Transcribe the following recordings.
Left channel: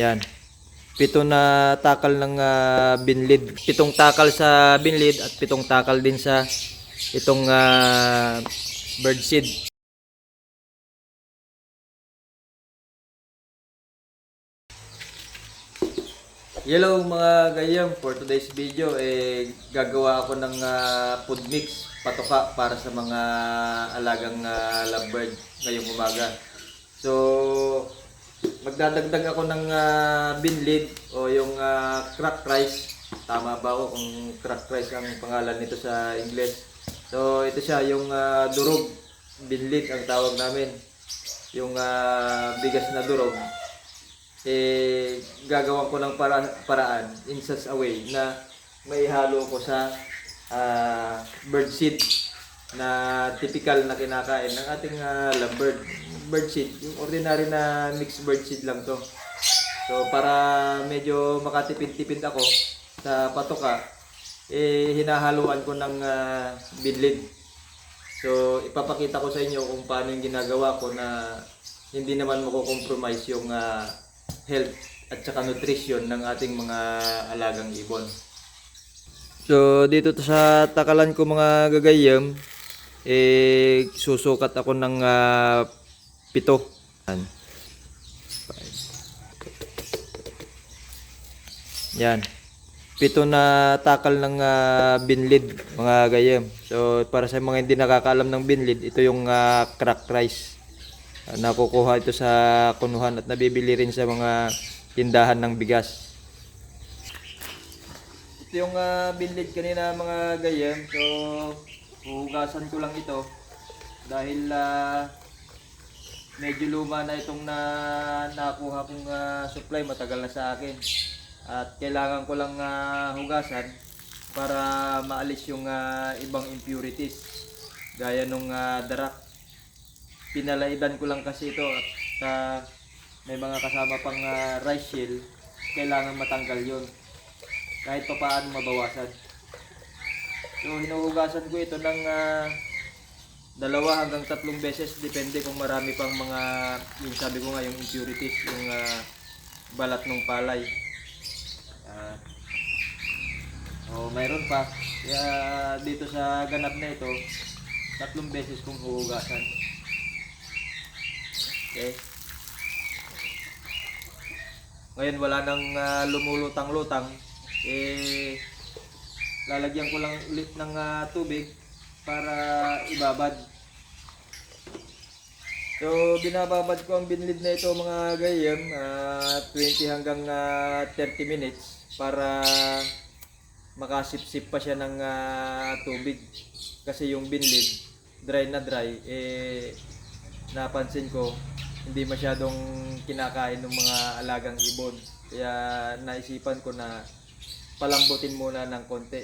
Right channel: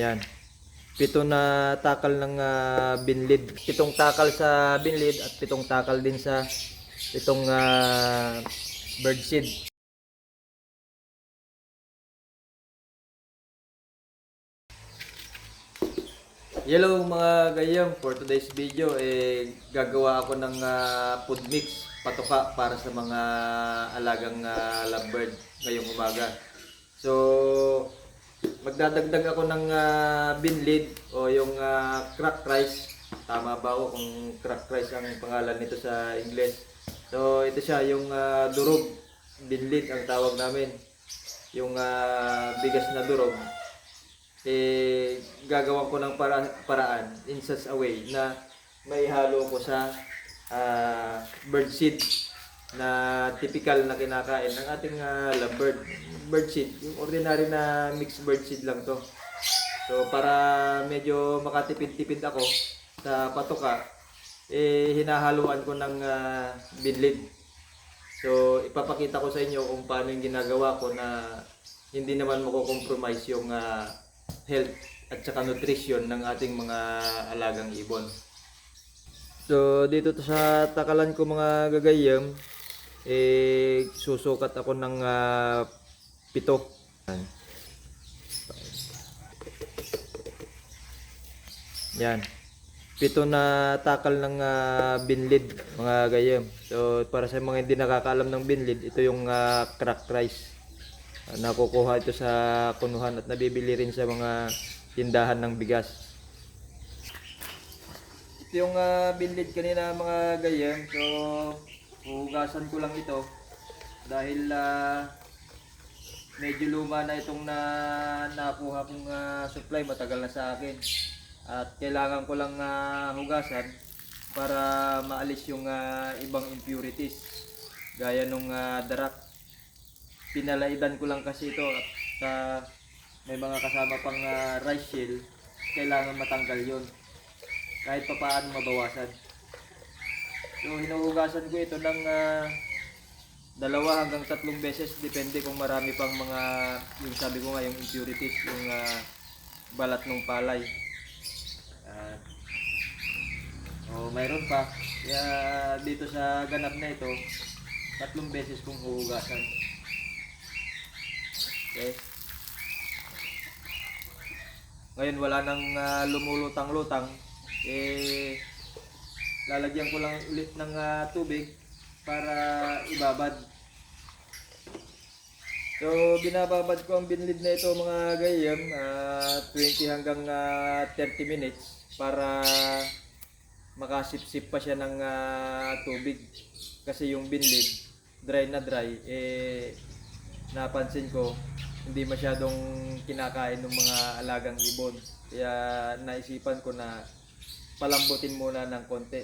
Yan. 7 na takal ng binlid. 7 takal sa binlid at 7 takal din sa itong birdseed. Hello mga gayam, for today's video gagawa ako ng food mix patoka para sa mga alagang lovebird ngayong umaga. So magdadagdag ako ng binlid o yung cracked rice. Tama ba ako kung cracked rice ang pangalan nito sa English? So ito siya, yung durog, binlid ang tawag namin. Yung bigas na durog, gagawan ko ng paraan in such a way na maihalo ko sa birdseed na typical na kinakain ng ating lovebird. Birdseed, yung ordinary na mixed birdseed lang to. So para medyo makatipid-tipid ako sa patoka, hinahaluan ko ng binlid. So ipapakita ko sa inyo kung paano yung ginagawa ko na hindi naman mako-compromise yung health at saka nutrition ng ating mga alagang ibon. So dito sa takalan ko mga gagayam, susukat ako ng 7. Yan. 7 na takal ng binlid mga gayam. So para sa mga hindi nakakaalam ng binlid, ito yung cracked rice. Nakukuha ito sa kunuhan at nabibili rin sa mga tindahan ng bigas. Ito yung binlid kanina mga gayam. So hugasan ko lang ito dahil medyo luma na itong nakuha kong supply, matagal na sa akin. At kailangan ko lang hugasan para maalis yung ibang impurities gaya nung darak. Pinalaidan ko lang kasi ito at may mga kasama pang rice shell, kailangan matanggal yon kahit pa paano mabawasan. So hinuhugasan ko ito ng 2 hanggang 3 beses, depende kung marami pang mga, yung sabi ko nga, yung impurities, yung balat ng palay. Mayroon pa, kaya dito sa ganap na ito 3 beses kong huhugasan. Okay. Ngayon wala nang lumulutang-lutang, lalagyan ko lang ulit ng tubig para ibabad. So binababad ko ang binlid na ito mga gayam, 20 hanggang 30 minutes para makasipsip pa siya ng tubig. Kasi yung binlid dry na dry, napansin ko hindi masyadong kinakain ng mga alagang ibon. Kaya naisipan ko na palambutin muna ng konti.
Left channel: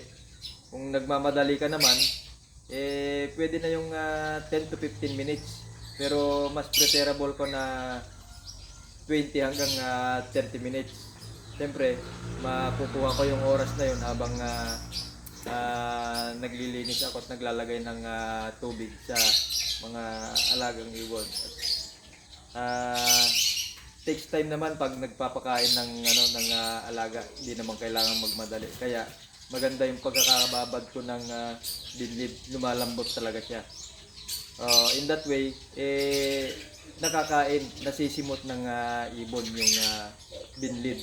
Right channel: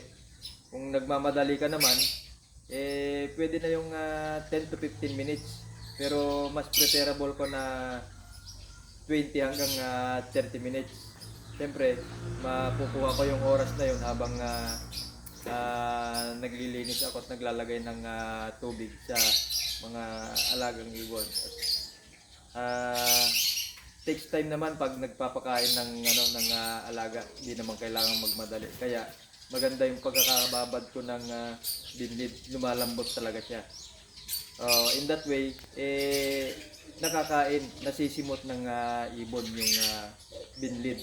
Kung nagmamadali ka naman, pwede na yung 10 to 15 minutes. Pero mas preferable ko na 20 hanggang 30 minutes. Siyempre, makukuha ko yung oras na yun habang naglilinis ako at naglalagay ng tubig sa mga alagang ibon. Takes time naman pag nagpapakain ng alaga, hindi naman kailangan magmadali. Kaya maganda yung pagkakababad ko ng binlid, lumalambot talaga siya. In that way, nakakain, nasisimot ng ibon yung binlid.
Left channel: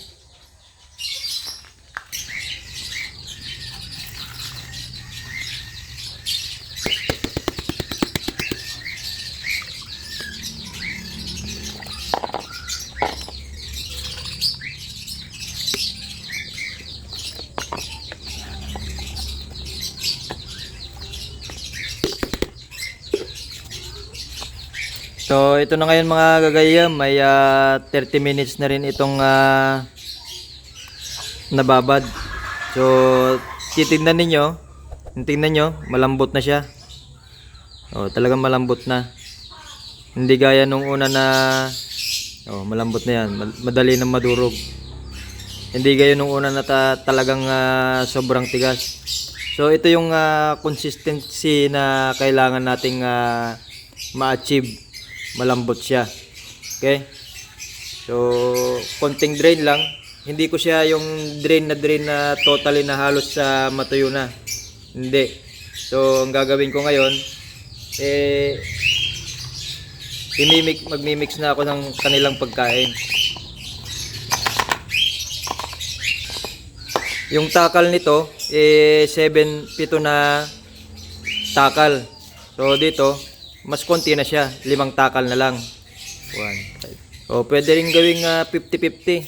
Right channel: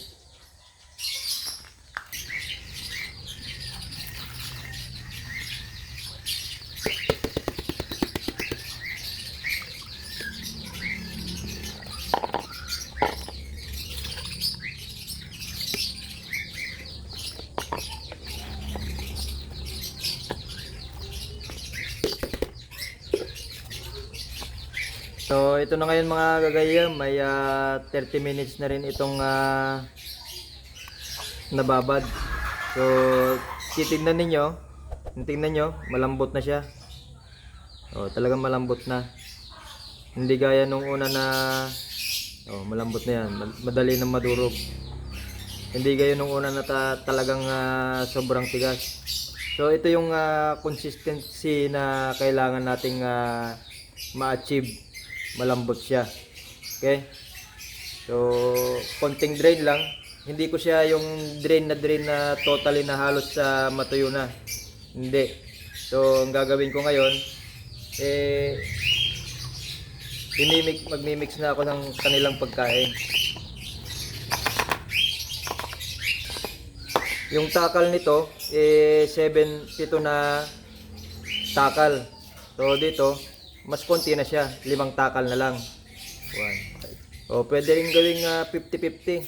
So ito na ngayon mga gagayam, may 30 minutes na rin itong nababad. So titingnan ninyo, malambot na siya. Talagang malambot na. Hindi gaya nung una na malambot na yan, madali nang madurog. Hindi gaya nung una na talagang sobrang tigas. So ito yung consistency na kailangan nating ma-achieve. Malambot siya. Okay? So, konting drain lang. Hindi ko siya yung drain na totally na halos sa matuyo na. Hindi. So, ang gagawin ko ngayon, magmimix na ako ng kanilang pagkain. Yung takal nito, 7 na takal. So, dito, mas konti na siya. 5 takal na lang. 1, 5. O, pwede rin gawing 50-50.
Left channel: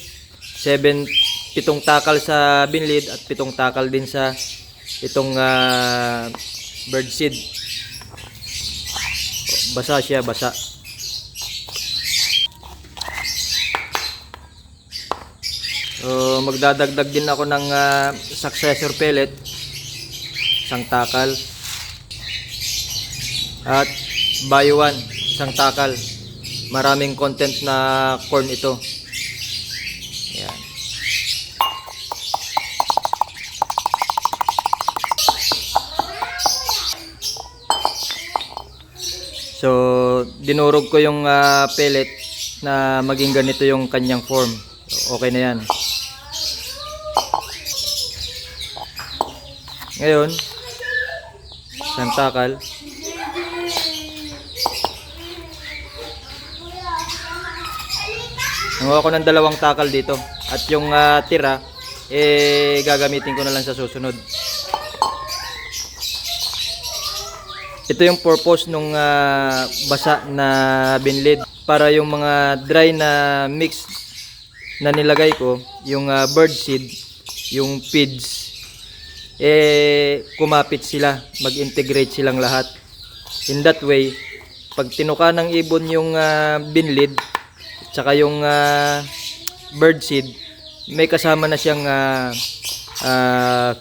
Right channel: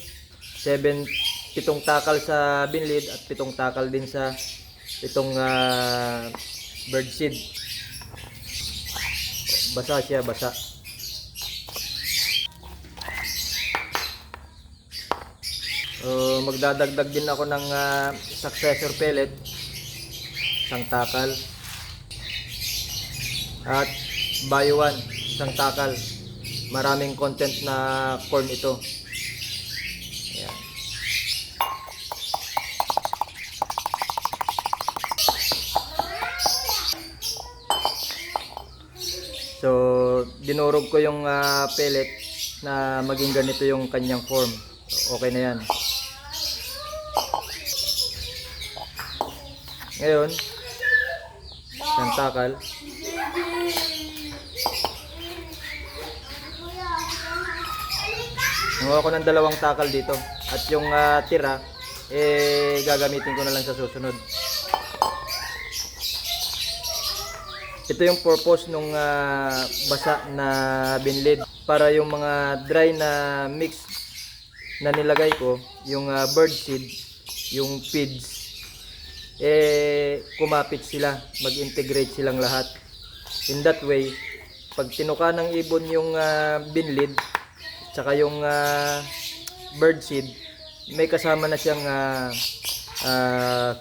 7 takal sa binlid at 7 takal din sa itong birdseed. Basa siya, basa. So, magdadagdag din ako ng successor pellet, 1 takal. At bio 1, 1 takal. Maraming content na corn ito. Ayan. So, dinurog ko yung pellet na maging ganito yung kanyang form. Okay na yan. Ngayon, 1 takal. Nanguha ko ng 2 takal dito. At yung tira, gagamitin ko na lang sa susunod. Ito yung purpose nung basa na binlid. Para yung mga dry na mix na nilagay ko, yung bird seed, yung feeds, kumapit sila, mag-integrate silang lahat. In that way, pag tinuka ng ibon yung binlid, tsaka yung bird seed, may kasama na siyang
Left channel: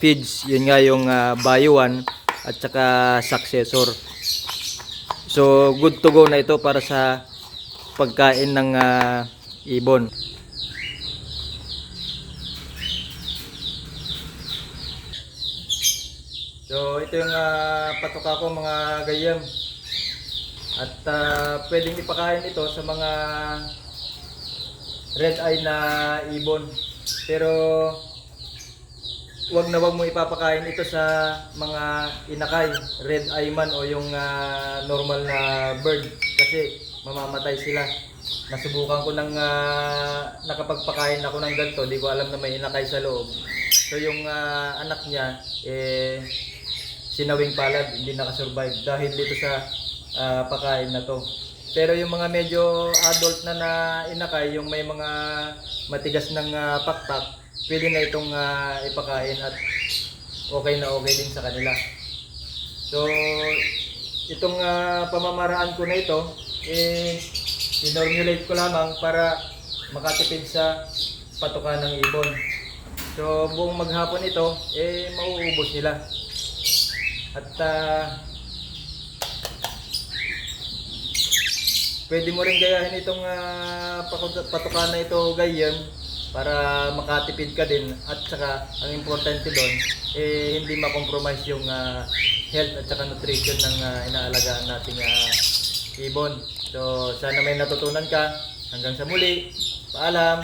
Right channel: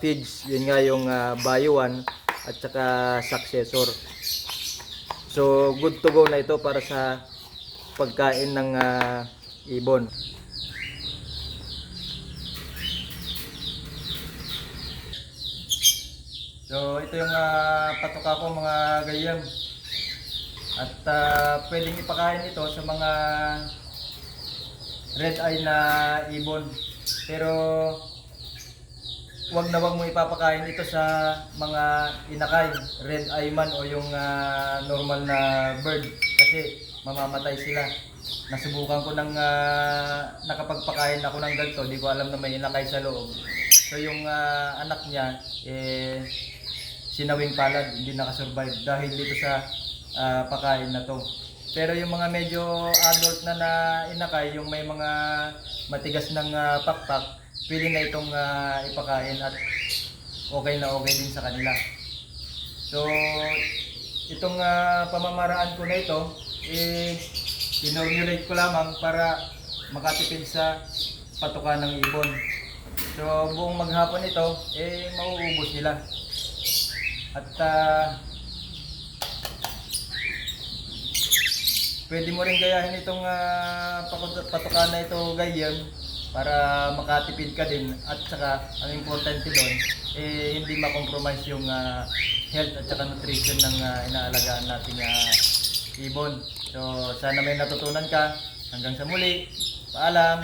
feeds. Yun nga yung bio 1 at tsaka successor. So good to go na ito para sa pagkain ng ibon. So ito yung patoka ko mga gayam. At pwedeng ipakain ito sa mga red eye na ibon. Pero wag na wag mo ipapakain ito sa mga inakay, red eye man o yung normal na bird kasi mamamatay sila. Nasubukan ko ng nakapagpakain ako ng ganito, di ko alam na may inakay sa loob. So yung anak niya sinawing palad, hindi nakasurvive dahil dito sa pakain na to. Pero yung mga medyo adult na inakay, yung may mga matigas ng pakpak, pwede na itong ipakain at okay na okay din sa kanila. So itong pamamaraan ko na ito, inormulate ko lamang para makatipid sa patuka ng ibon. So buong maghapon ito, mauubos nila. At pwede mo rin gayahin itong patuka na ito, gayam, para makatipid ka din. At saka ang importante doon, hindi ma-compromise yung health at saka nutrition ng inaalagaan nating ibon. So sana may natutunan ka. Hanggang sa muli, paalam.